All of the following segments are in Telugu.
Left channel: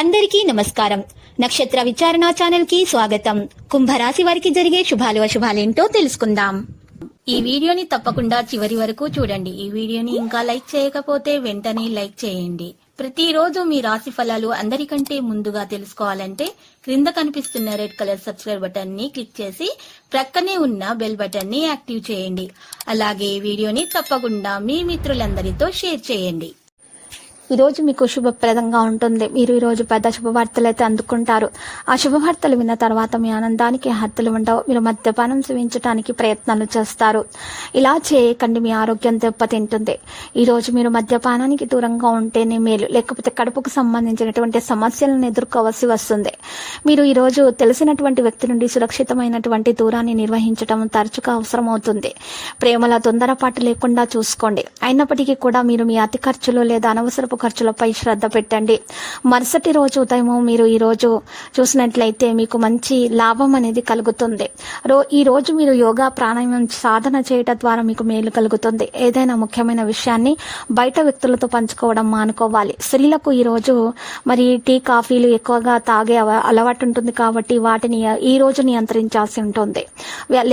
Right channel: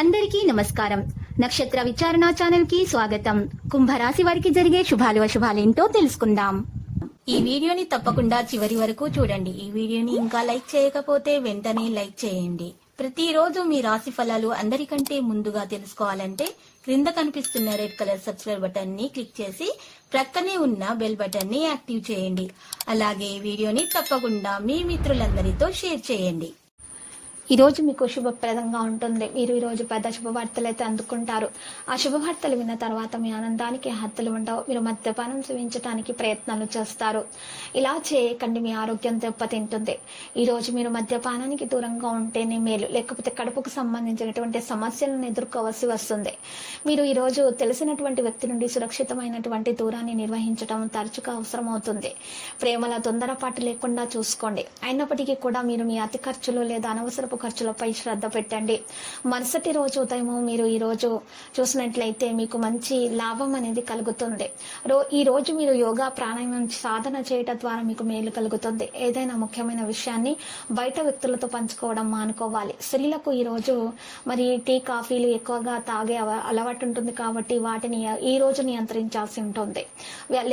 అందరికీ నమస్కారం. నక్షత్ర విచారణ ఛానల్ కి స్వాగతం. కుంభరాశి వారికి జరిగే శుభాలు అశుభాలేంటో తెలుసుకుందాం. ఈ వీడియోని తప్పకుండా చివరి వరకు చూడండి. ఈ వీడియోని ఇంకా లైక్ చేయకపోతే వెంటనే లైక్ చేయండి. ప్రతిరోజు మీ రాశి ఫలాలు అందరికంటే ముందుగా తెలుసుకోవాలంటే క్రింద కనిపిస్తున్న రెడ్ కలర్ సబ్స్క్రైబ్ బటన్ ని క్లిక్ చేసి ప్రక్కనే ఉన్న బెల్ బటన్ ని యాక్టివ్ చేయండి. అలాగే ఈ వీడియోని తప్పకుండా మీ మిత్రులందరితో షేర్ చేయండి. ఈ రోజు మీకు శుభప్రదంగా ఉంటుంది. మీరు ఈ రోజు పెద్ద శుభవార్తలు అయితే అందుకుంటారు. ఆ శుభవార్తలు విన్న తర్వాత మీ ఆనందానికి హద్దులు ఉండవు. మీరు మద్యపానం సేవించడానికి ప్రయత్నాలు చేస్తారు. ఇలా చేయకండి, మీ ఆరోగ్యం దెబ్బతింటుంది. ఈ రోజు మీరు మద్యపానానికి దూరంగా ఉంటేనే మేలు, లేకపోతే కడుపుకు సంబంధించినటువంటి సమస్యలను ఎదుర్కోవాల్సి వస్తుంది. మీరు ఈ రోజు తెలిసినటువంటి వ్యక్తి నుండి సురక్షితమైనటువంటి దూరాన్ని నిర్వహించడం తరచుగా అవసరమవుతుంది. ప్రేమల తొందరపాటు లేకుండా చూసుకోండి. అయినప్పటికీ కూడా మీరు మీ అతి ఖర్చులు లేదా అనవసరపు ఖర్చులపై శ్రద్ధ పెట్టండి. మరుసటి రోజు ఉదయం మీరు ఈ రోజు చూసినట్లయితే మీకు మంచి లాభం అనేది కలుగుతుంది. ఈ రోజు మీరు యోగా ప్రాణాయామం సాధన చేయడం ద్వారా మీకు మేలు కలుగుతుంది. ఏదైనా ముఖ్యమైన విషయాన్ని బయట వ్యక్తులతో పంచుకోవడం మానుకోవాలి. స్త్రీలకు ఈ రోజు మరి టీ కాఫీలు ఎక్కువగా తాగే అలవాటు ఉంటుంది కాబట్టి వాటిని ఈ రోజు నియంత్రించాల్సి ఉంటుంది,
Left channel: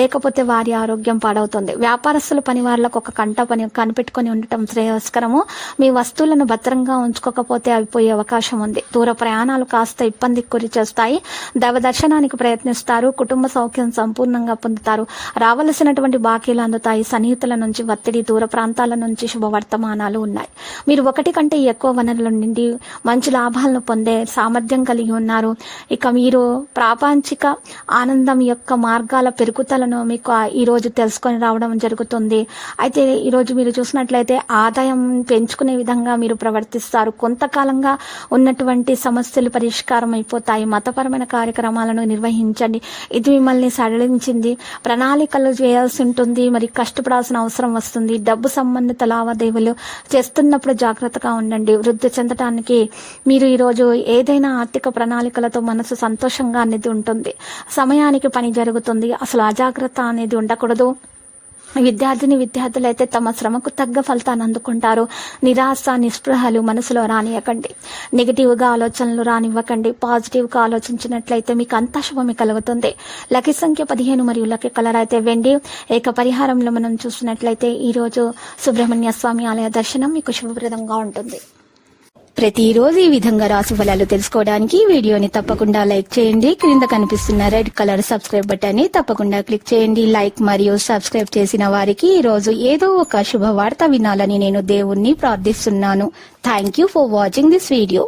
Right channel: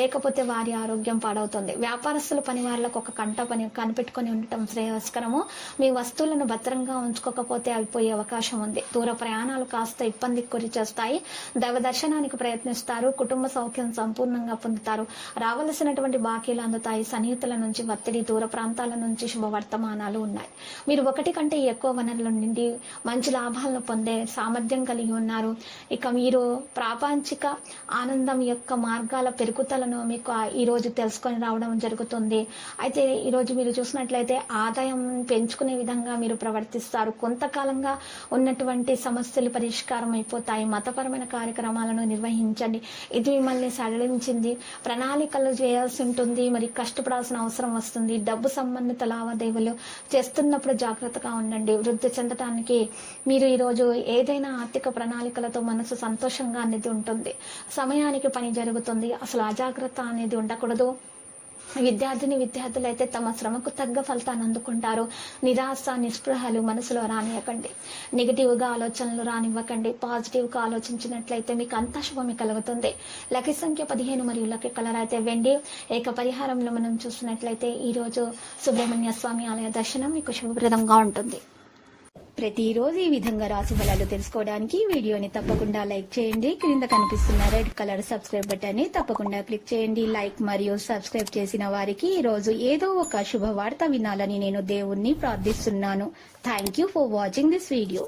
లేకపోతే వారి ఆరోగ్యం పాడవుతుంది. వ్యాపారస్తులు పని వాళ్లకు ఒక పని కనిపెట్టుకుని ఉండటం శ్రేయస్కరము. మీ వస్తువులను భద్రంగా ఉంచుకోకపోతే అవి పోయే అవకాశం ఉంది. దూర ప్రయాణాలు కాస్త ఇబ్బందికి గురి చేస్తాయి. దైవ దర్శనానికి ప్రయత్నిస్తారు. కుటుంబ సౌఖ్యం సంపూర్ణంగా పొందుతారు. రావలసినటువంటి బాకీలు అందుతాయి. సన్నిహితుల నుంచి ఒత్తిడి, దూర ప్రాంతాల నుంచి శుభవర్తమానాలు ఉన్నాయి. మీరు ఒకటి కంటే ఎక్కువ వనరుల నుండి మంచి లాభాలను పొందే సామర్థ్యం కలిగి ఉన్నారు. ఇక మీరు ప్రాపంచిక ఆనందం యొక్క మార్గాల పెరుగుదలను మీకు ఈ రోజు తెలుసుకొని రావడం జరుగుతుంది. అయితే ఈరోజు మీరు చూసినట్లయితే ఆదాయం పెంచుకునే విధంగా మీరు ప్రవర్తిస్తారు. కొంతకాలంగా ఉన్నటువంటి సమస్యలు పరిష్కారం అయిపోతాయి. మతపరమైన కార్యక్రమాలను నిర్వహించండి. ఇది మిమ్మల్ని సడలించింది. ప్రణాళికలు చేయాల్సి ఉంటుంది. మరి కష్టపడాల్సిన అవసరం వస్తుంది. డబ్బు సంబంధిత లావాదేవీలు చేస్తున్నప్పుడు జాగ్రత్తగా ఉండండి. వృద్ధి చెందడానికి మీరు ఈరోజు ఏదైనా ఆర్థిక ప్రణాళికలతో మనసు సంతోషంగా అనేది ఉంటుంది. సమయానికి పని జరుగుతుంది. అసలు అజాగ్రత్త అనేది ఉండకూడదు. విద్యార్థులు అయితే తమ శ్రమకు తగ్గ ఫలితాన్ని అందుకుంటారు. నిరాశ, నిస్పృహలు మనసులో రానివ్వకండి. నెగిటివ్గా ఆలోచనలు రానివ్వకండి. పాజిటివ్గా ఆలోచించినట్లయితే మీకు అంతా శుభమే కలుగుతుంది. లక్కీ సంఖ్య 15 మరియు లక్కీ కలర్ అయితే వెండి. ఏక పరిహారంలో మనం చూసినట్లయితే ఈరోజు సుబ్రహ్మణ్య స్వామి ఆలయ దర్శనం మీకు శుభప్రదంగా ఉంటుంది. ప్రతిరోజు ఈ విధంగా రాశి ఫలాలు తెలుసుకోవడానికి వీడియోని తప్పకుండా లైక్ చేయండి. క్రింద కనిపిస్తున్న రెడ్ కలర్ సబ్స్క్రైబ్ బటన్ ని తప్పకుండా క్లిక్ చేయండి. లైక్ మరియు సబ్స్క్రైబ్ చేసిన వారికి ఈ రోజు ఏదో ఒక శుభవార్త వినాలని నేను దేవుణ్ణి ప్రార్థిస్తున్నాను. Thank you for watching this video.